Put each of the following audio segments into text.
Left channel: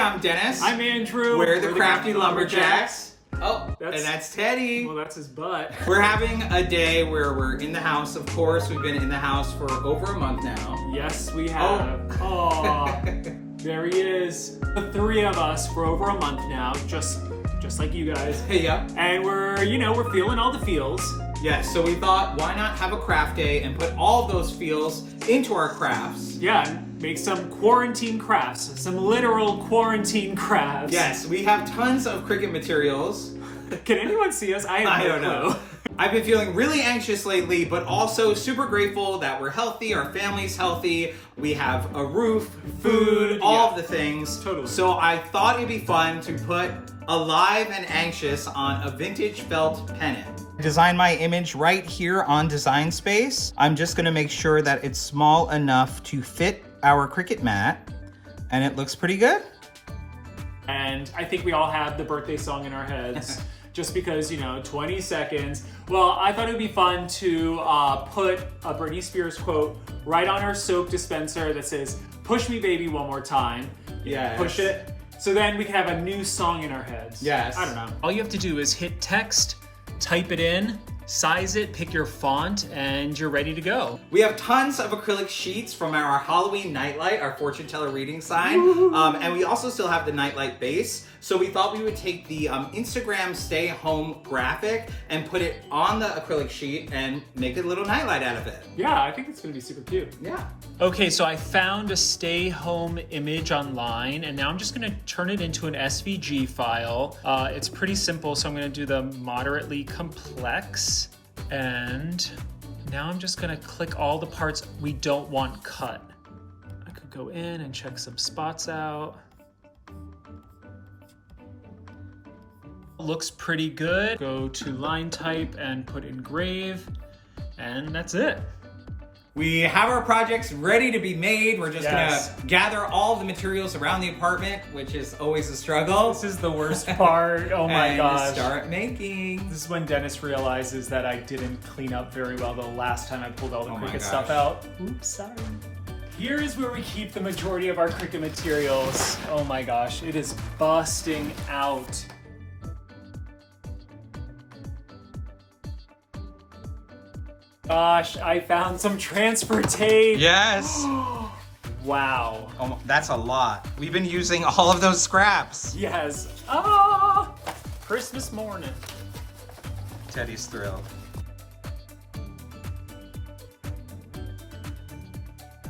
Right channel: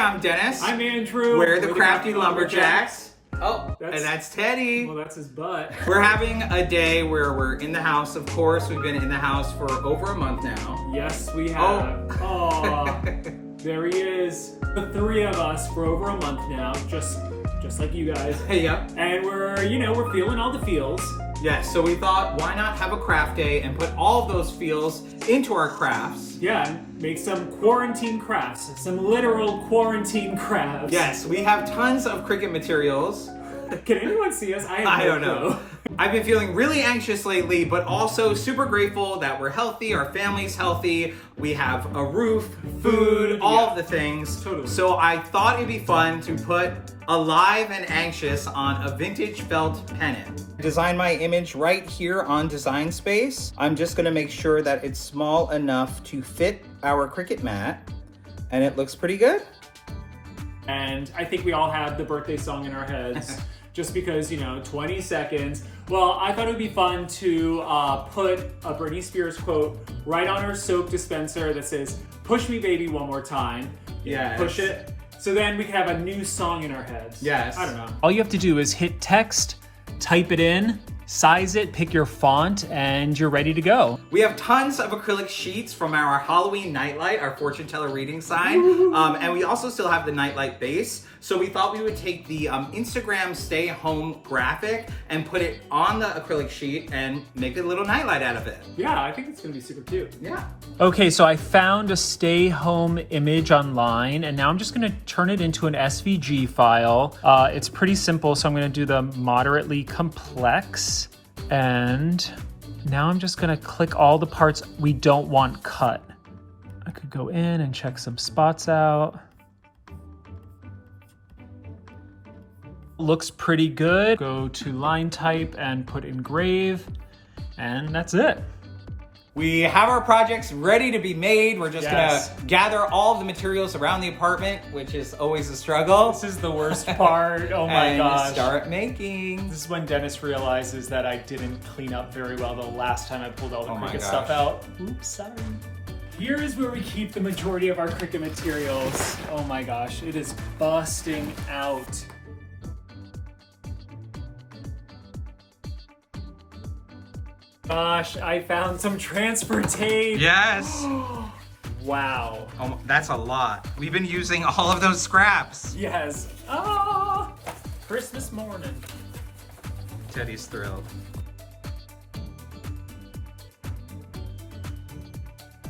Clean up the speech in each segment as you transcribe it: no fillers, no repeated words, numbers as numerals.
I'm Dennis. I'm Andrew. We're the Crafty Lumberjacks. Oh, and that's Teddy. Well, that's his butt. We're having a day where we're in the house. Of course, we've been in the house for over a month now. Yes, we have. Oh, there he is. The three of us for over a month now, just like you guys. Hey, yeah. And we're feeling all the feels. Yes, so we thought, why not have a craft day and put all of those feels into our crafts? Yeah, and make some quarantine crafts, some literal quarantine crafts. Yes, we have tons of Cricut materials. Can anyone see us? I don't know. I've been feeling really anxious lately, but also super grateful that we're healthy, our family's healthy, we have a roof, food, all of the things. Totally. So I thought it'd be fun to put Alive and Anxious on a vintage felt pennant. Design my image right here on Design Space. I'm just gonna make sure that it's small enough to fit our Cricut mat, and it looks pretty good. And I think we all had the birthday song in our heads. Just because, 20 seconds. Well, I thought it would be fun to put a Britney Spears quote right on our soap dispenser that says, "Push me, baby, one more time." Yeah. Push it. So then we can have a new song in our heads. Yes. I don't know. All you have to do is hit text, type it in, size it, pick your font, and you're ready to go. We have tons of acrylic sheets from our Halloween nightlight, our fortune teller reading sign. And we also still have the nightlight base. So we thought we would take the Instagram stay home graphic and put it on the acrylic sheet and make a little nightlight out of it. Yeah, I think it's gonna be super cute. Yeah. Okay, so I found a stay home image online, and now I'm just gonna turn it into an SVG file. It's pretty simple, so I'm gonna do the moderately complex. And now I'm just gonna click all the parts we don't want cut. I could go in and check some spots out. Looks pretty good. Go to line type and put engrave, and that's it. We have our projects ready to be made. We're just Yes. gonna gather all the materials around the apartment, which is always a struggle. This is the worst part. Oh my and gosh. Start making. This is when Dennis realizes that I didn't clean up very well the last time I pulled all the Oh my Cricut gosh. stuff out. Oops, sorry. Here is where we keep the majority of our Cricut materials. Oh my gosh, it is busting out. Gosh, I found some transfer tape. Yes. Wow. Oh, that's a lot. We've been using all of those scraps. Yes. Ah, Christmas morning. Teddy's thrilled.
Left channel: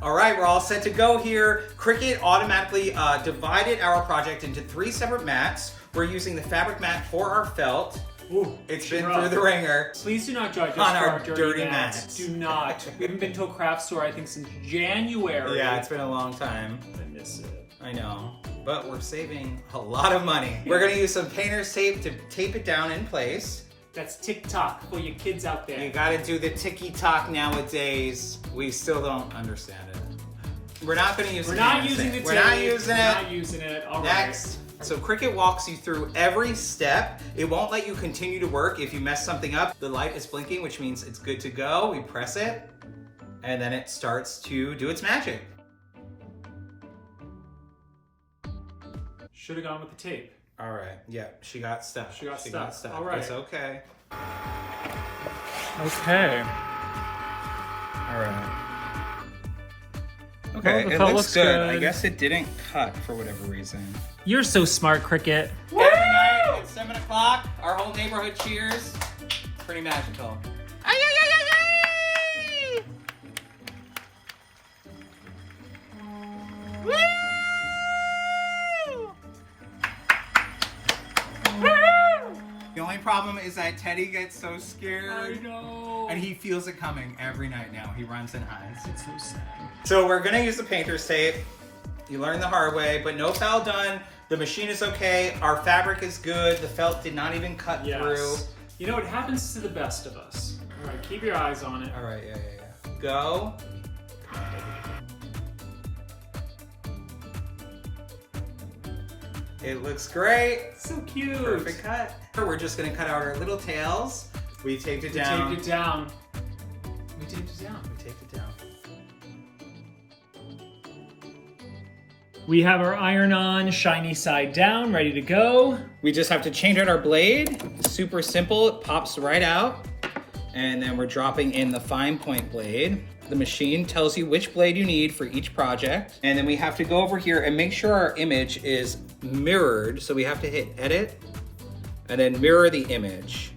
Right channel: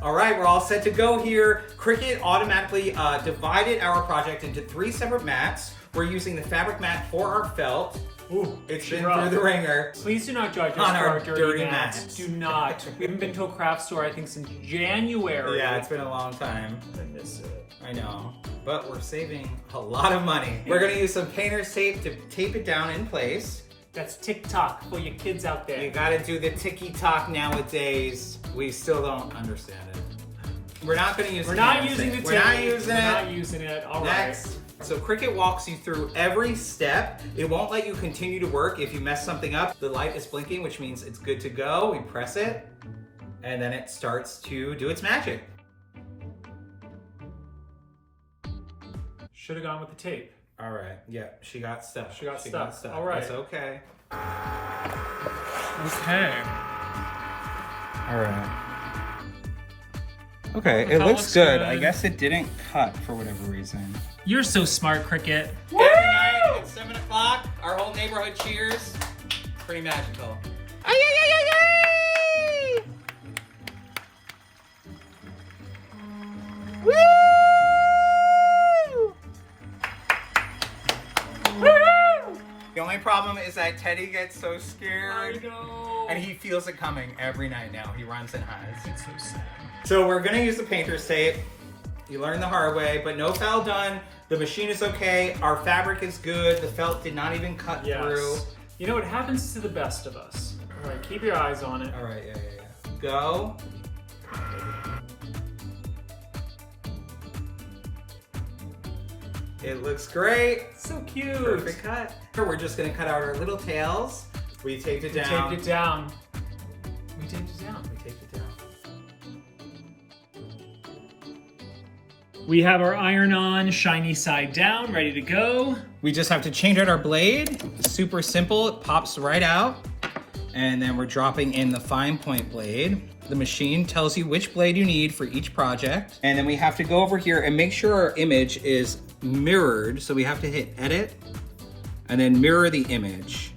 All right, we're all set to go here. Cricut automatically divided our project into 3 separate mats. We're using the fabric mat for our felt. Ooh, It's been rough. through the ringer. Please do not judge us On for our our dirty dirty mats. mats. Do not. We haven't been to a craft store, I think, since January. Yeah, it's been a long time. I miss it. I know, but we're saving a lot of money. We're gonna use some painter's tape to tape it down in place. That's TikTok for your kids out there. You gotta do the ticky-tock nowadays. We still don't understand it. We're not gonna use We're the not painter's using tape. the We're tape. not using We're it. not using it. All right. Next. So Cricut walks you through every step. It won't let you continue to work if you mess something up. The light is blinking, which means it's good to go. We press it, and then it starts to do its magic. Should have gone with the tape. All right, yeah, she got stuck. She got stuck. All right. It's okay. Okay. All right. Well, Okay, the it felt looks looks good. good. I guess it didn't cut for whatever reason. You're so smart, Cricut. Every night at 7 o'clock, our whole neighborhood cheers. Pretty magical. Ay, ay, ay, ay, ay! Woo! The only problem is that Teddy gets so scared. I know. And he feels it coming every night now. He runs and hides. It's so sad. So we're gonna use the painter's tape. You learn the hard way, but no foul done. The machine is okay. Our fabric is good. The felt did not even cut through. You know, it happens to the best of us. All right, keep your eyes on it. All right, yeah. Go. It looks great. So cute. Perfect cut. We're just gonna cut out our little tails. We taped it down. We taped it down. We taped it down. We taped it down. We have our iron on, shiny side down, ready to go. We just have to change out our blade. Super simple, it pops right out. And then we're dropping in the fine point blade. The machine tells you which blade you need for each project. And then we have to go over here and make sure our image is mirrored. So we have to hit edit and then mirror the image.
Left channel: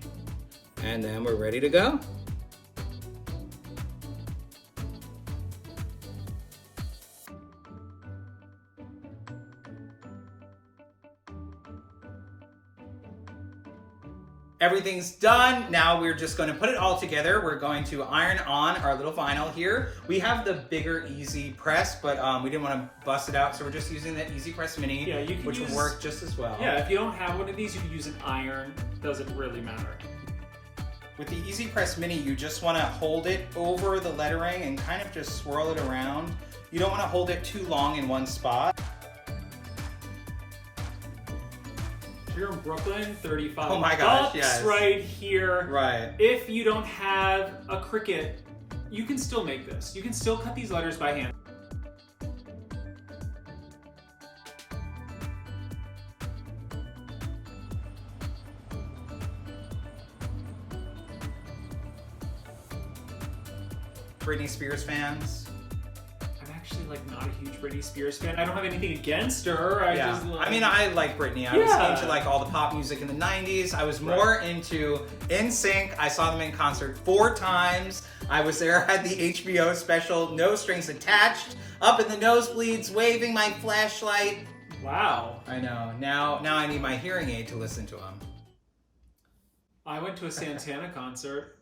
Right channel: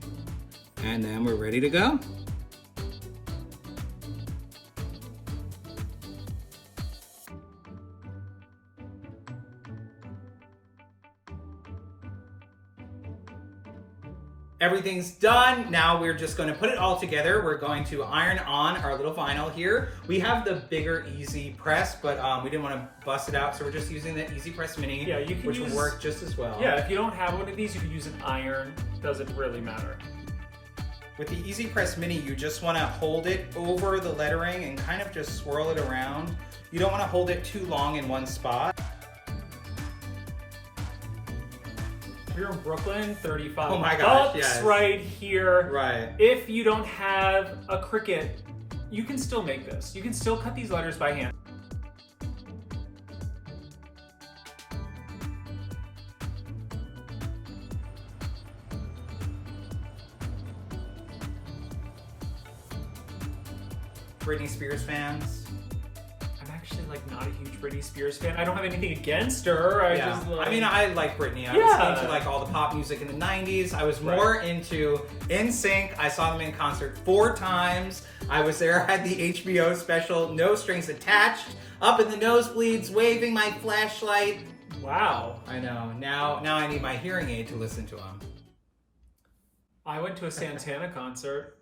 And then we're ready to go. Everything's done. Now we're just going to put it all together. We're going to iron on our little vinyl here. We have the bigger Easy Press, but we didn't want to bust it out, so we're just using the Easy Press Mini, Yeah, you can which will work just as well. Yeah, if you don't have one of these, you can use an iron. Doesn't really matter. With the Easy Press Mini, you just want to hold it over the lettering and kind of just swirl it around. You don't want to hold it too long in one spot. We're in Brooklyn, 35 Oh my gosh, bucks yes. right here. Right. If you don't have a Cricut, you can still make this. You can still cut these letters by hand. Britney Spears fans. I'm actually like not a huge Britney Spears fan. I don't have anything against her. I mean, I like Britney. I was into like all the pop music in the 90s. I was more into NSYNC. I saw them in concert 4 times. I was there at the HBO special, No Strings Attached, up in the nosebleeds, waving my flashlight. Wow. I know. Now I need my hearing aid to listen to them. I went to a Santana concert.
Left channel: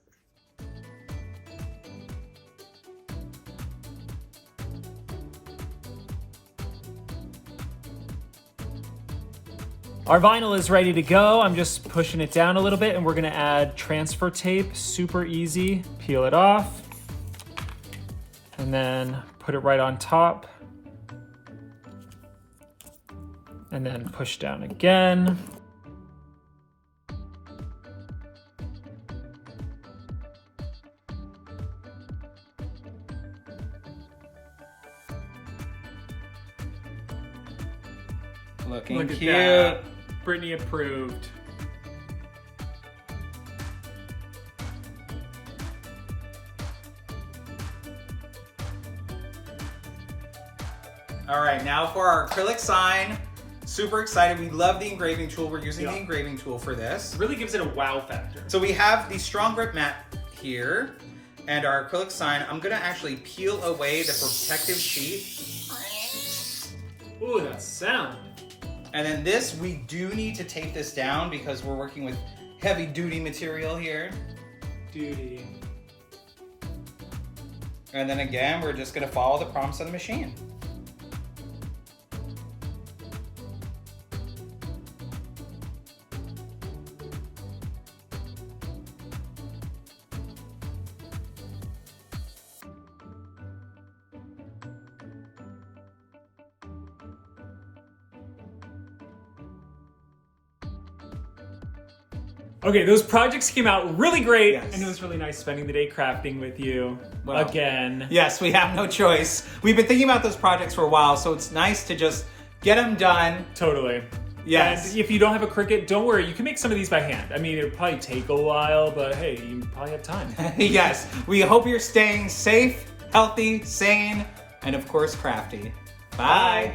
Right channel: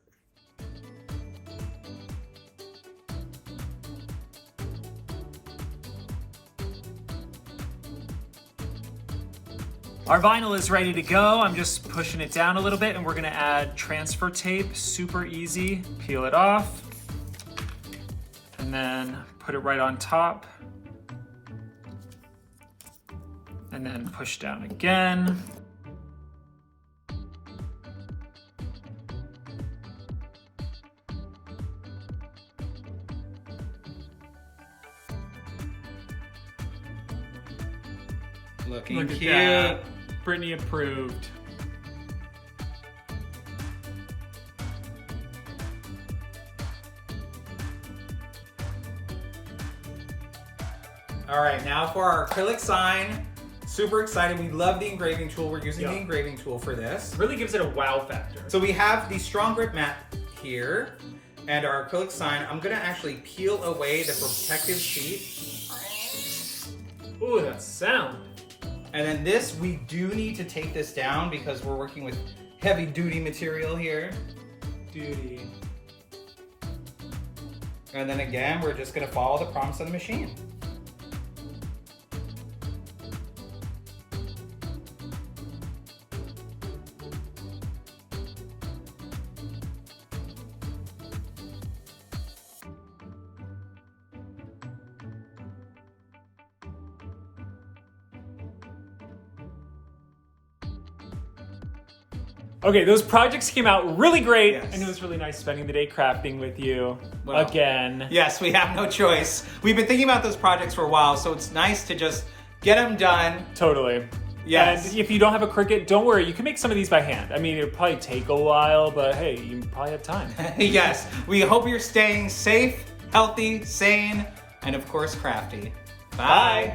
Our vinyl is ready to go. I'm just pushing it down a little bit and we're gonna add transfer tape, super easy. Peel it off and then put it right on top. And then push down again. Looking Look at cute. that. Britney approved. All right, now for our acrylic sign. Super excited. We love the engraving tool. We're using the engraving tool for this. Really gives it a wow factor. So we have the strong grip mat here and our acrylic sign. I'm gonna actually peel away the protective sheet. Ooh, that sound. And then this, we do need to tape this down because we're working with heavy duty material here. Duty. And then again, we're just gonna follow the prompts on the machine. Okay, those projects came out really great, Yes. and it was really nice spending the day crafting with you Well, again. Yes, we have no choice. We've been thinking about those projects for a while, so it's nice to just get them done. Totally. Yes. And if you don't have a Cricut, don't worry. You can make some of these by hand. I mean, it'll probably take a while, but hey, you probably have time. Yes, we hope you're staying safe, healthy, sane, and of course crafty. Bye. Bye.